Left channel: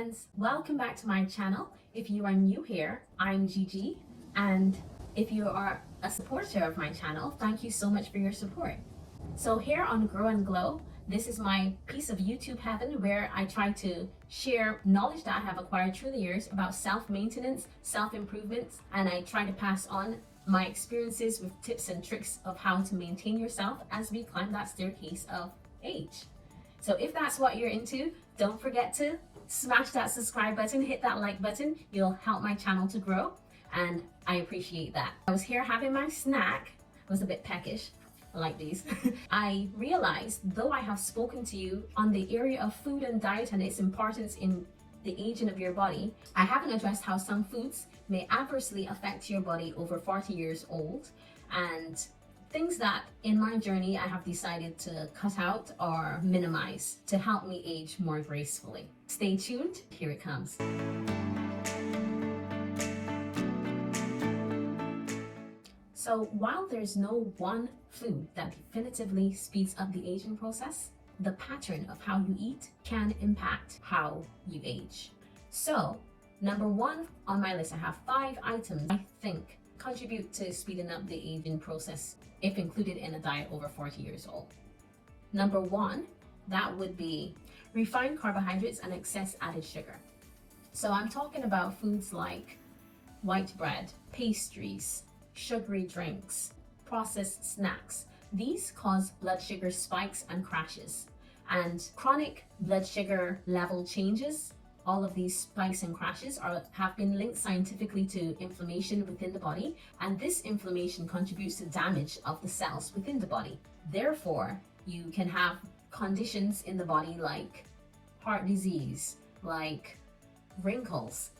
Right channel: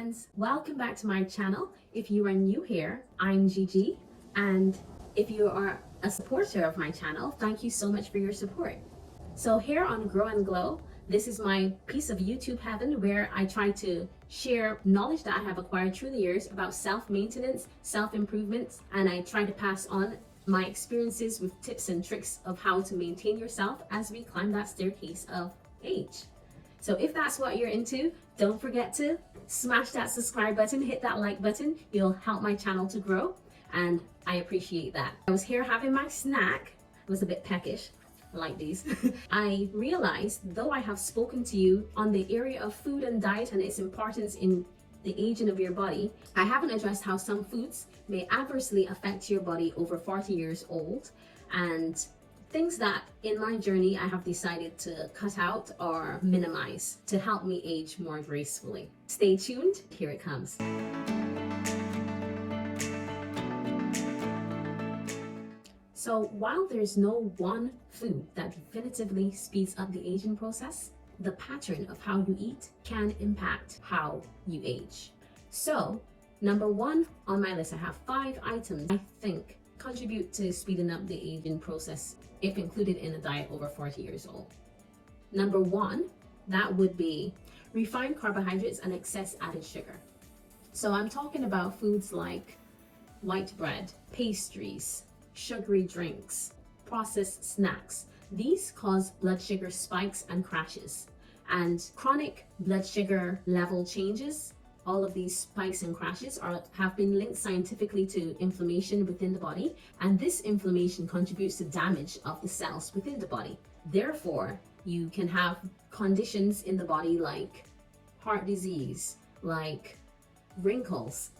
friends, welcome back to my channel. If you are new here, I'm Jiji, and if you are a supporter of my channel, thank you so much for your support. So here on Grow and Glow, this is my piece of YouTube heaven where I try to share knowledge that I have acquired through the years about self-maintenance, self-improvements, and I try to pass on my experiences with tips and tricks of how to maintain yourself as we climb that staircase of age. So if that's what you're into, don't forget to smash that subscribe button, hit that like button. You'll help my channel to grow, and I appreciate that. I was here having my snack. I was a bit peckish. I like these. I realized, though I have spoken to you on the area of food and diet and its importance in the aging of your body, I haven't addressed how some foods may adversely affect your body over 40 years old, and things that in my journey I have decided to cut out or minimize to help me age more gracefully. Stay tuned, here it comes. So while there's no one food that definitively speeds up the aging process, the pattern of how you eat can impact how you age. So number one on my list, I have 5 items I think contribute to speeding up the aging process if included in a diet over 40 years old. Number 1, that would be refined carbohydrates and excess added sugar. So I'm talking about foods like white bread, pastries, sugary drinks, processed snacks. These cause blood sugar spikes and crashes, and chronic blood sugar level changes. All of these spikes and crashes have been linked scientifically to inflammation within the body, and this inflammation contributes to damage of the cells within the body. Therefore, you can have conditions in the body like heart disease, like wrinkles.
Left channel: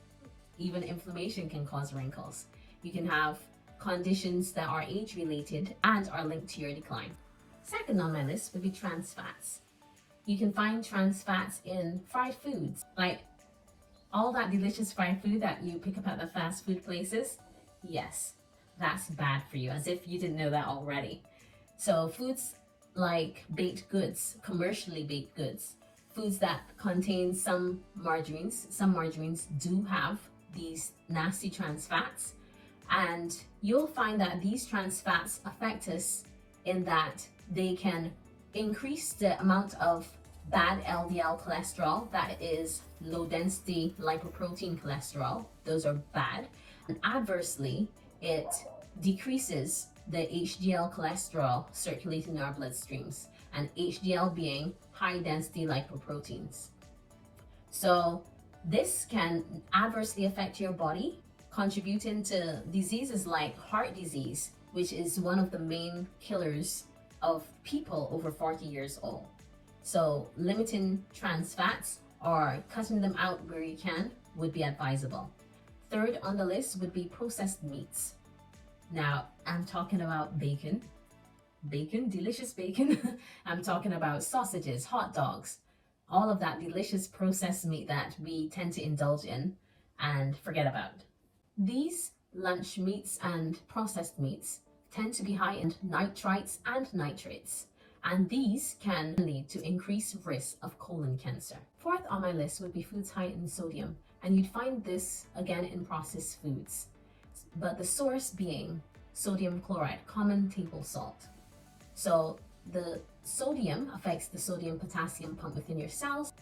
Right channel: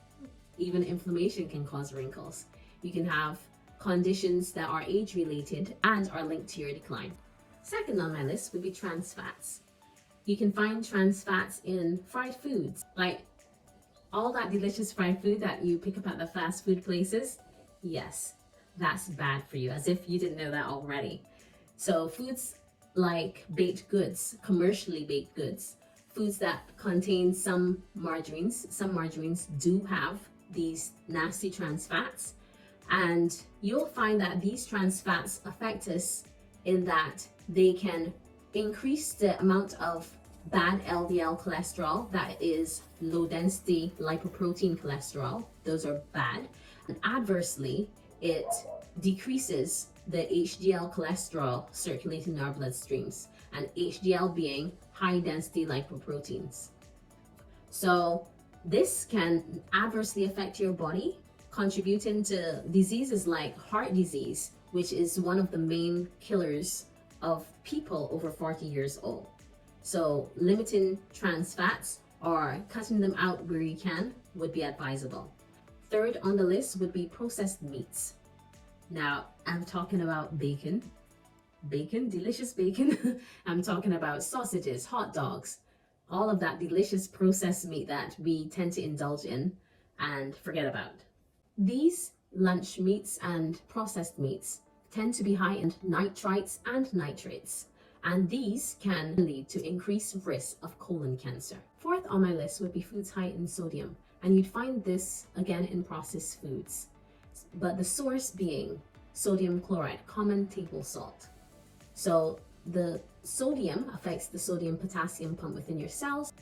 Even inflammation can cause wrinkles. You can have conditions that are age-related and are linked to your decline. Second on my list would be trans fats. You can find trans fats in fried foods, like all that delicious fried food that you pick up at the fast food places. Yes, that's bad for you, as if you didn't know that already. So foods like baked goods, commercially baked goods, foods that contain some margarines do have these nasty trans fats, and you'll find that these trans fats affect us in that they can increase the amount of bad LDL cholesterol, that is low density lipoprotein cholesterol. Those are bad. And adversely, it decreases the HDL cholesterol circulating in our bloodstreams, and HDL being high density lipoproteins. So this can adversely affect your body, contributing to diseases like heart disease, which is one of the main killers of people over 40 years old. So limiting trans fats or cutting them out where you can would be advisable. Third on the list would be processed meats. Now, I'm talking about bacon, delicious bacon. I'm talking about sausages, hot dogs, all of that delicious processed meat that we tend to indulge in and forget about. These lunch meats and processed meats tend to be high in nitrites and nitrates, and these can lead to increased risk of colon cancer. Fourth on my list would be foods high in sodium, and you'd find this again in processed foods, but the source being sodium chloride, common table salt. So the sodium affects the sodium-potassium pump within your cells,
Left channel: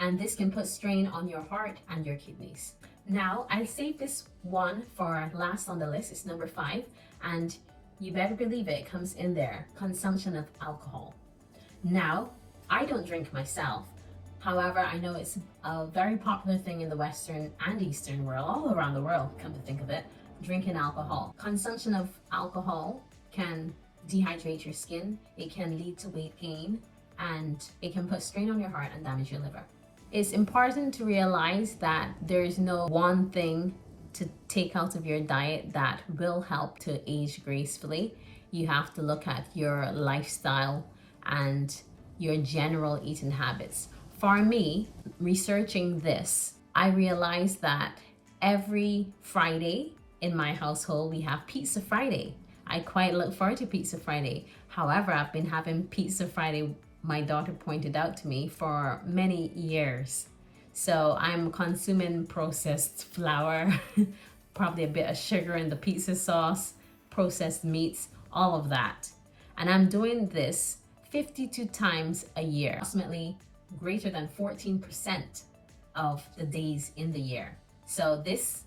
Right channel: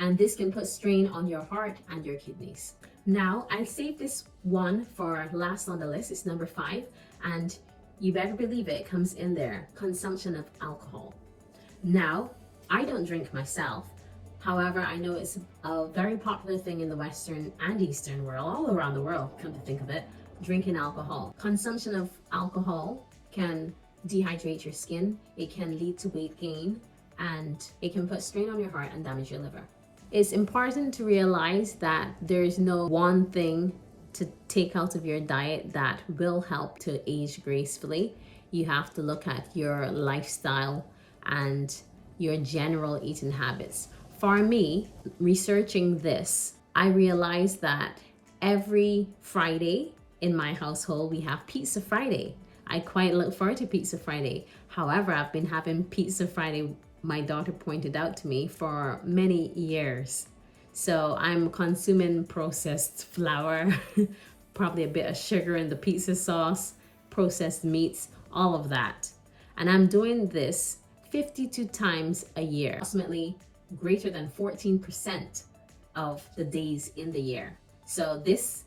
and this can put strain on your heart and your kidneys. Now, I saved this one for last on the list. It's number 5, and you better believe it comes in there: consumption of alcohol. Now, I don't drink myself. However, I know it's a very popular thing in the Western and Eastern world, all around the world, come to think of it, drinking alcohol. Consumption of alcohol can dehydrate your skin, it can lead to weight gain, and it can put strain on your heart and damage your liver. It's important to realize that there's no one thing to take out of your diet that will help to age gracefully. You have to look at your lifestyle and your general eating habits. For me, researching this, I realized that every Friday in my household we have Pizza Friday. I quite look forward to Pizza Friday. However, I've been having Pizza Friday, my daughter pointed out to me, for many years. So I'm consuming processed flour, probably a bit of sugar in the pizza sauce, processed meats, all of that. And I'm doing this 52 times a year, approximately greater than 14% of the days in the year. So this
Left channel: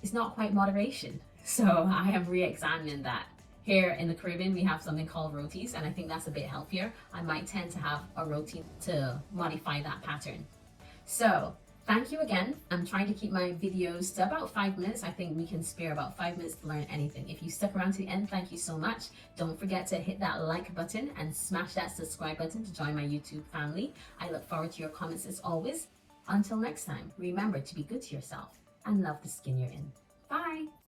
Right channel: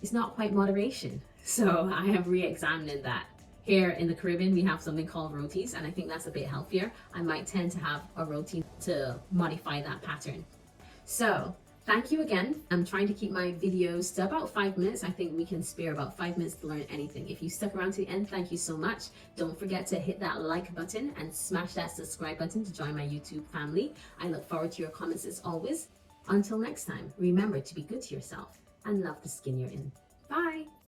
is not quite moderation. So I am re-examining that. Here in the Caribbean, we have something called rotis, and I think that's a bit healthier. I might tend to have a roti to modify that pattern. So thank you again. I'm trying to keep my videos to about 5 minutes. I think we can spare about 5 minutes to learn anything. If you stuck around to the end, thank you so much. Don't forget to hit that like button and smash that subscribe button to join my YouTube family. I look forward to your comments as always. Until next time, remember to be good to yourself and love the skin you're in.